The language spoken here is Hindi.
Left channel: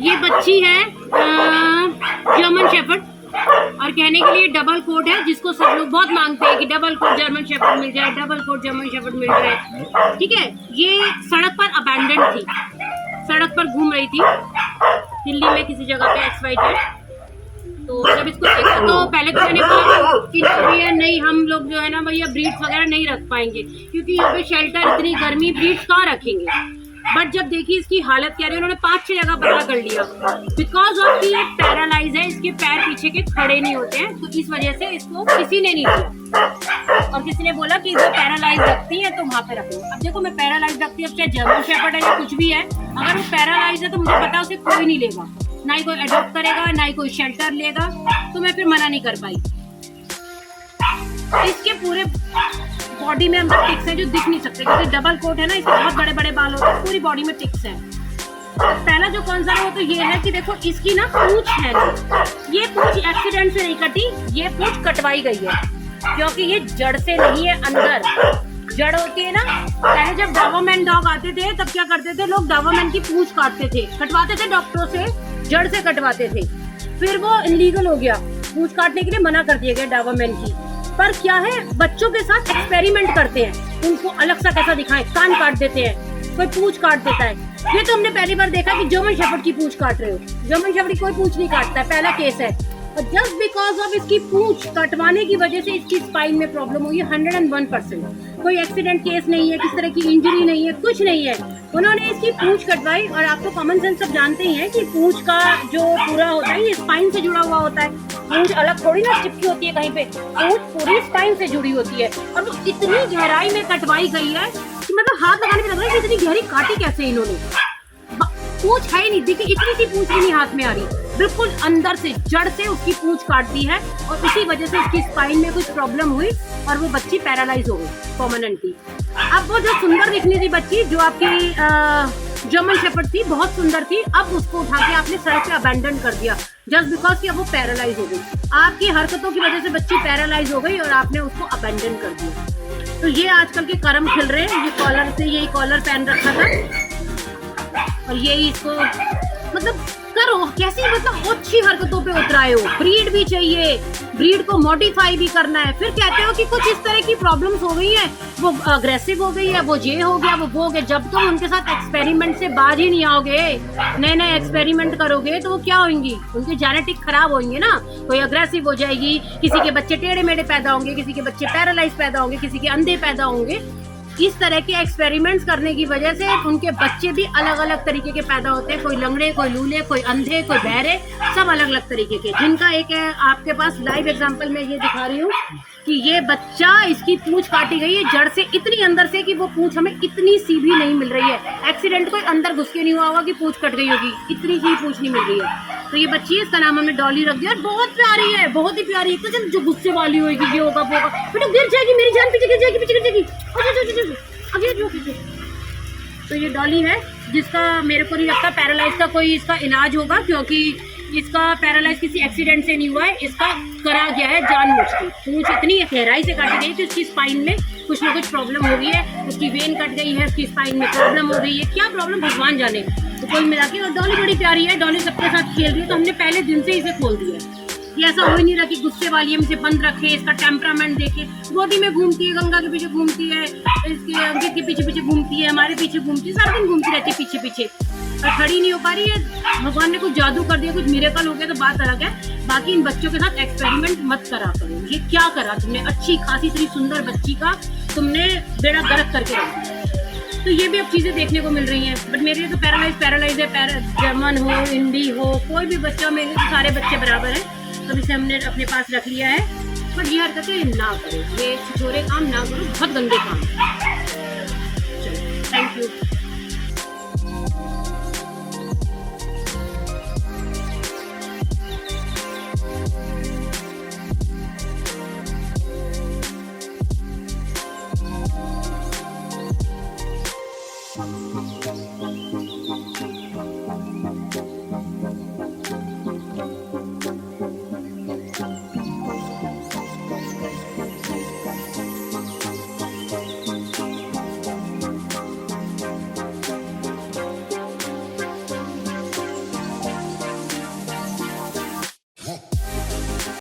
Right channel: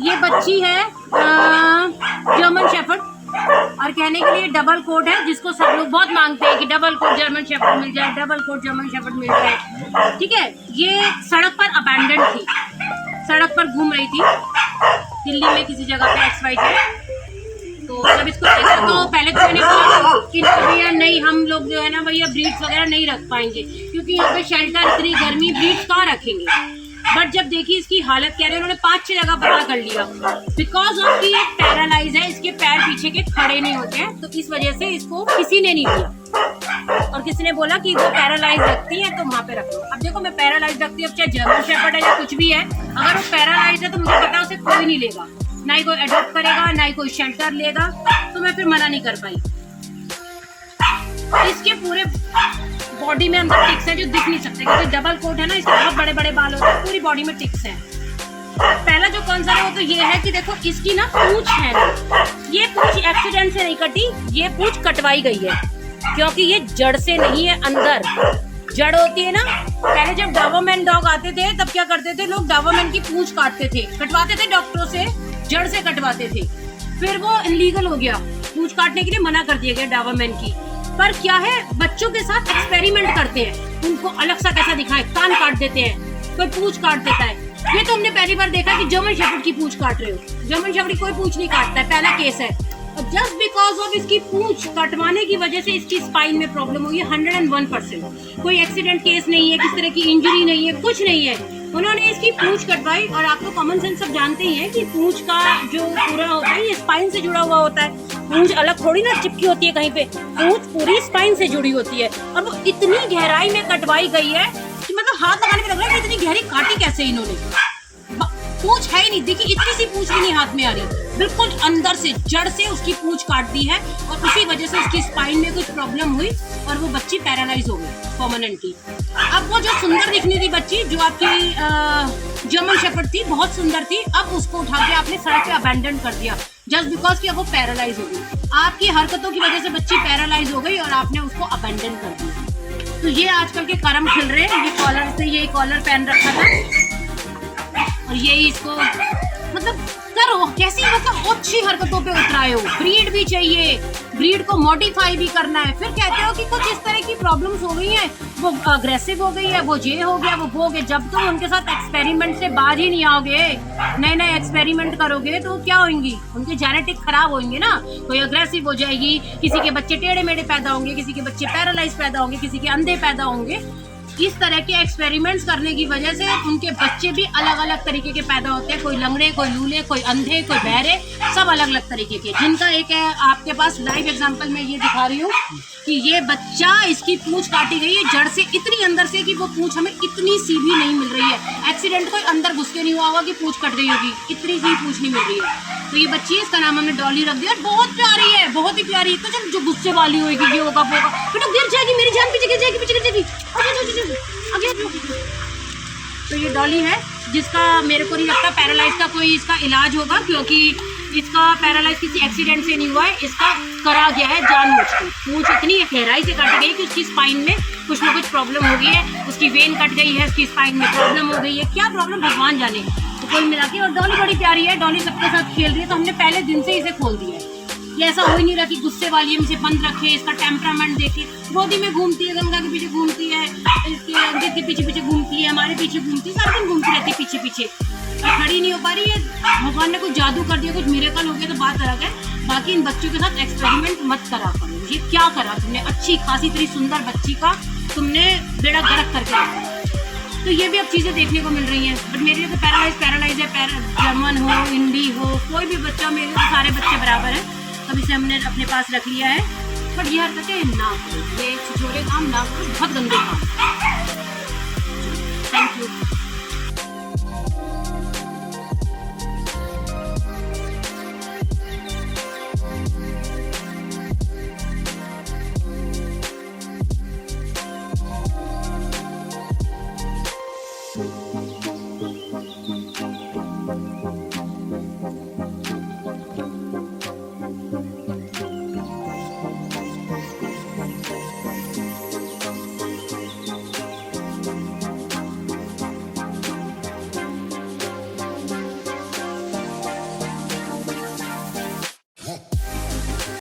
ये बच्ची है जर्मन शेफर्ड, और कहने के लिए डबल कोट है, जिसको सब लोग बहुत मांगते हैं कि डबल कोट जर्मन शेफर्ड मिल जाए, डबल कोट जर्मन शेफर्ड मिल जाए। ठीक है, ये सड़क पर अबैंडन थी, सड़क पर घूम रही थी दिल्ली में किसी जगह पे XYZ। तो जब इसको देखा तो पहले तो मैंने बोला कि भैया नहीं, हम लोग जो है ना भैया ब्रीड्स वगैरह नहीं रख पाएंगे, क्योंकि यहाँ पे शेल्टर, इतनी गर्मी, ब्रीड्स कहाँ रखेंगे। बट जब देखी इसकी हालत क्या है, उन्होंने 5-6 जगह पता कर लिया। बिकॉज ऑफ की पैरालाइज है, इसके पैर पीछे के खड़े नहीं होते हैं, तो इस वजह से इसको किसी ने नहीं लिया। और किसी ने बोला कि वो पैरालाइज रखती है तो वहाँ पे रख लो। अब देखो, मैं पैरालाइज रखती हूँ, अब चाहे जर्मन शेफर्ड है या कुछ भी है, अगर वो पैरालाइज है तो मुझे पता है उसे कोई नहीं लेगा, ना ही कोई अडॉप्ट करेगा, ना ही कोई शेल्टर लेगा, तो मैं फिर मना नहीं कर पाई। इसके पूरे बॉडी में अंदर टिक्स हैं जो दिख नहीं सकते, क्योंकि डबल कोट है ना, इसके बहुत बड़े बड़े बाल होते हैं, पूरी बॉडी में टिक्स हैं। पहला जो कंसर्न है वो तो ये है कि देखो इसकी ना पूंछ है, ये पूंछ एक्सीडेंट से नहीं कटी, ये पूंछ कटवाई गई है, क्योंकि ये जड़ से नहीं है, अंदर जड़ होती है ना। पहले जब डॉबरमैन डॉग आते थे तब क्या करते थे लोग, डॉबरमैन की पूंछ काटते थे, कटवाते थे डॉक्टरों से, जड़ से कटवाते थे। फिर वो इलीगल हो गया, पूंछ काटने के लिए मना कर दिया गया डॉबरमैन की। पर क्या है, बच्चों के साथ एक्सपेरिमेंट करते हैं, उनको अलग सा कैसा दिखाएं, कान काट देते हैं, कोई पूंछ काट देता है। ये तो हमने पहली बार देखा कि जर्मन शेफर्ड की पूंछ काट रहे हो, जर्मन शेफर्ड की कोई पूंछ नहीं काटता है, पहला केस है। और जस्ट बिकॉज ऑफ इसकी पूंछ कटवाने की वजह से इसकी स्पाइन में प्रॉब्लम हुई है 101%। कोई एक्सीडेंट केस नहीं है, किस तरह की इंजरी नहीं है, कुछ नहीं है, उन्होंने इसकी पूंछ कटवाई। और आप तो कॉमन सेंस सब जानते ही हैं कि पूंछ का जो पूरा होता है ये स्पाइन से जुड़ा हुआ होता है, पूंछ अलग थोड़ी ना चिपकी होती है कहीं पे, पूंछ पूरी स्पाइन से जुड़ी होती है। और वो इतनी गहराई में कटवाई गई है कि मतलब हाथ लगाने पे लग रहा है कि इतनी गहरी काटी कैसे इन्होंने। पूंछ है ही नहीं, देखिए इतनी सी पूंछ भी नहीं हाथ में आ रही, बिल्कुल अंदर से जड़ से उसकी पूंछ काट दी है, और उसी वजह से उसकी स्पाइन में कुछ प्रॉब्लम हुई और वो बच्ची पैरालाइज हो गई परमानेंटली। अब वो जो सुंदर दिखनी थी बच्ची, जो आपकी जर्मन शेफर्ड थी, बहुत सुंदर थी, अब उसको उठा के आपने सड़क पे अबैंडन कर दिया, जस्ट बिकॉज कि अब वो पैरालाइज हो गई। आपकी हरकतों की वजह से बच्ची पैरालाइज हो गई और आपने उसको अबैंडन कर दिया। तो ये आजकल के कर्म खिल रहे हैं। ये कॉलर से, यही कॉलर पहन रखा था और यही इसको मतलब करो कैसी, मतलब अच्छी हरकतों पे उतराए हो। ब्रीड भी चाहिए, ब्रीड को मॉडिफाई भी करना है, फिर कहते हो कि कुछ इस तरह की प्रॉब्लम्स हो गई हैं, वो अग्रेसिव हो गई है, वो ये हो गया, वो हो गया। जब तुम उनके साथ एक्सपेरिमेंट से बाहर ही नहीं आओगे, नए नए एक्सपेरिमेंट करोगे, तो वो क्या होंगी, उनके जेनेटिक खराब होंगे ना। कोई अग्रेसिव हो जाएगी, किसी के बच्चे टेढ़े मेढ़े पैदा होंगे, किसी के बच्चे पैरालाइज पैदा होंगे, किसी के अंधे पैदा होंगे। इस तरह के एक्सपेरिमेंट्स करने की वजह से उनके बच्चे भी अलग अलग तरीके के पैदा होते हैं, कोई लंगड़े, कोई लूले, कोई अंधे, कोई बहरे, सब अलग अलग तरीके के। जिनका एक है आपके पास लाइव एग्जांपल मैं ये दिखा रही हूँ कि ये बच्चा, इसकी पूंछ काटी गई है जड़ से इतनी अंदर से कि वो पूंछ हमें इतनी सी भी नहीं मिल रही है। एक्सीडेंट कोई अंदर घुस के नहीं हुआ होगा कि पूंछ कट गई होगी, इतनी सी पूंछ नहीं मिल रही है। तो ये बच्ची है, इसका नाम हमने डॉली रख दिया, बहुत प्यारी है, बहुत ही प्यारी। तो चल जो गुस्से वाली होगी, ये होगा वो होगा, बेटा गिर जाएगी, मेरी जान पीछे गिर जाएगी, पीछे गिर जाएगी। तो ये डॉली है, जिसका मेरे को नहीं लगता पैरालाइज का कोई इसका इलाज होगा, क्योंकि इसका पैरालाइज किसी एक्सीडेंट से नहीं हुआ है, इसका करा गया है जानबूझ के। पूंछ इतनी गहराई से कट गई कि उसकी स्पाइन में कुछ ना कुछ प्रॉब्लम हो गई है, उसकी वेन कट गई है, उसकी स्पाइन में प्रॉब्लम हो गई है, क्या प्रॉब्लम भगवान जाने। तो कोई मिला के, और डॉली बड़ी प्यारी है, डॉली सबके साथ खेल रही है, तो हमने पहले दिन से इसे खोल दिया है। ये ऐसा हो ही नहीं रहा कि गुस्से वाली हम इसे बंद रखे, इसका टेम्परामेंट देखे। गोदी में घूमती है, गंगा के पीछे घूमती है, इसके अंकित के पीछे पीछे घूमती है, हमारे पीछे घूमती है, सारा दिन घूमती रहती है पीछे पीछे, और खड़ी नहीं हो पा रही है। भगवान ने कुछ जादू कर दिया, कुछ मिरेकल हो गया तो बात अलग है। बाकी इन बच्चों के साथ एक्सपेरिमेंट मत करा करो। ये क्या करा तुमने, अच्छी खासी इतनी सुंदर बच्ची का तुमने बेड़ा गर्क करके रखा। तो ये भी अब चीज़ें देखने को मिल रही हैं। बट मेरे लिए तो पैरालाइज है, जर्मन हो, इंडी हो, कोई भी बच्चा, मेरे तो सारे बच्चे बराबर हैं। तब इसे हमने अपने पास रख लिया है। पर ये हरकतें ना करो, ये छिछोरे काम ना करो, बहुत गंदे काम। Thank you.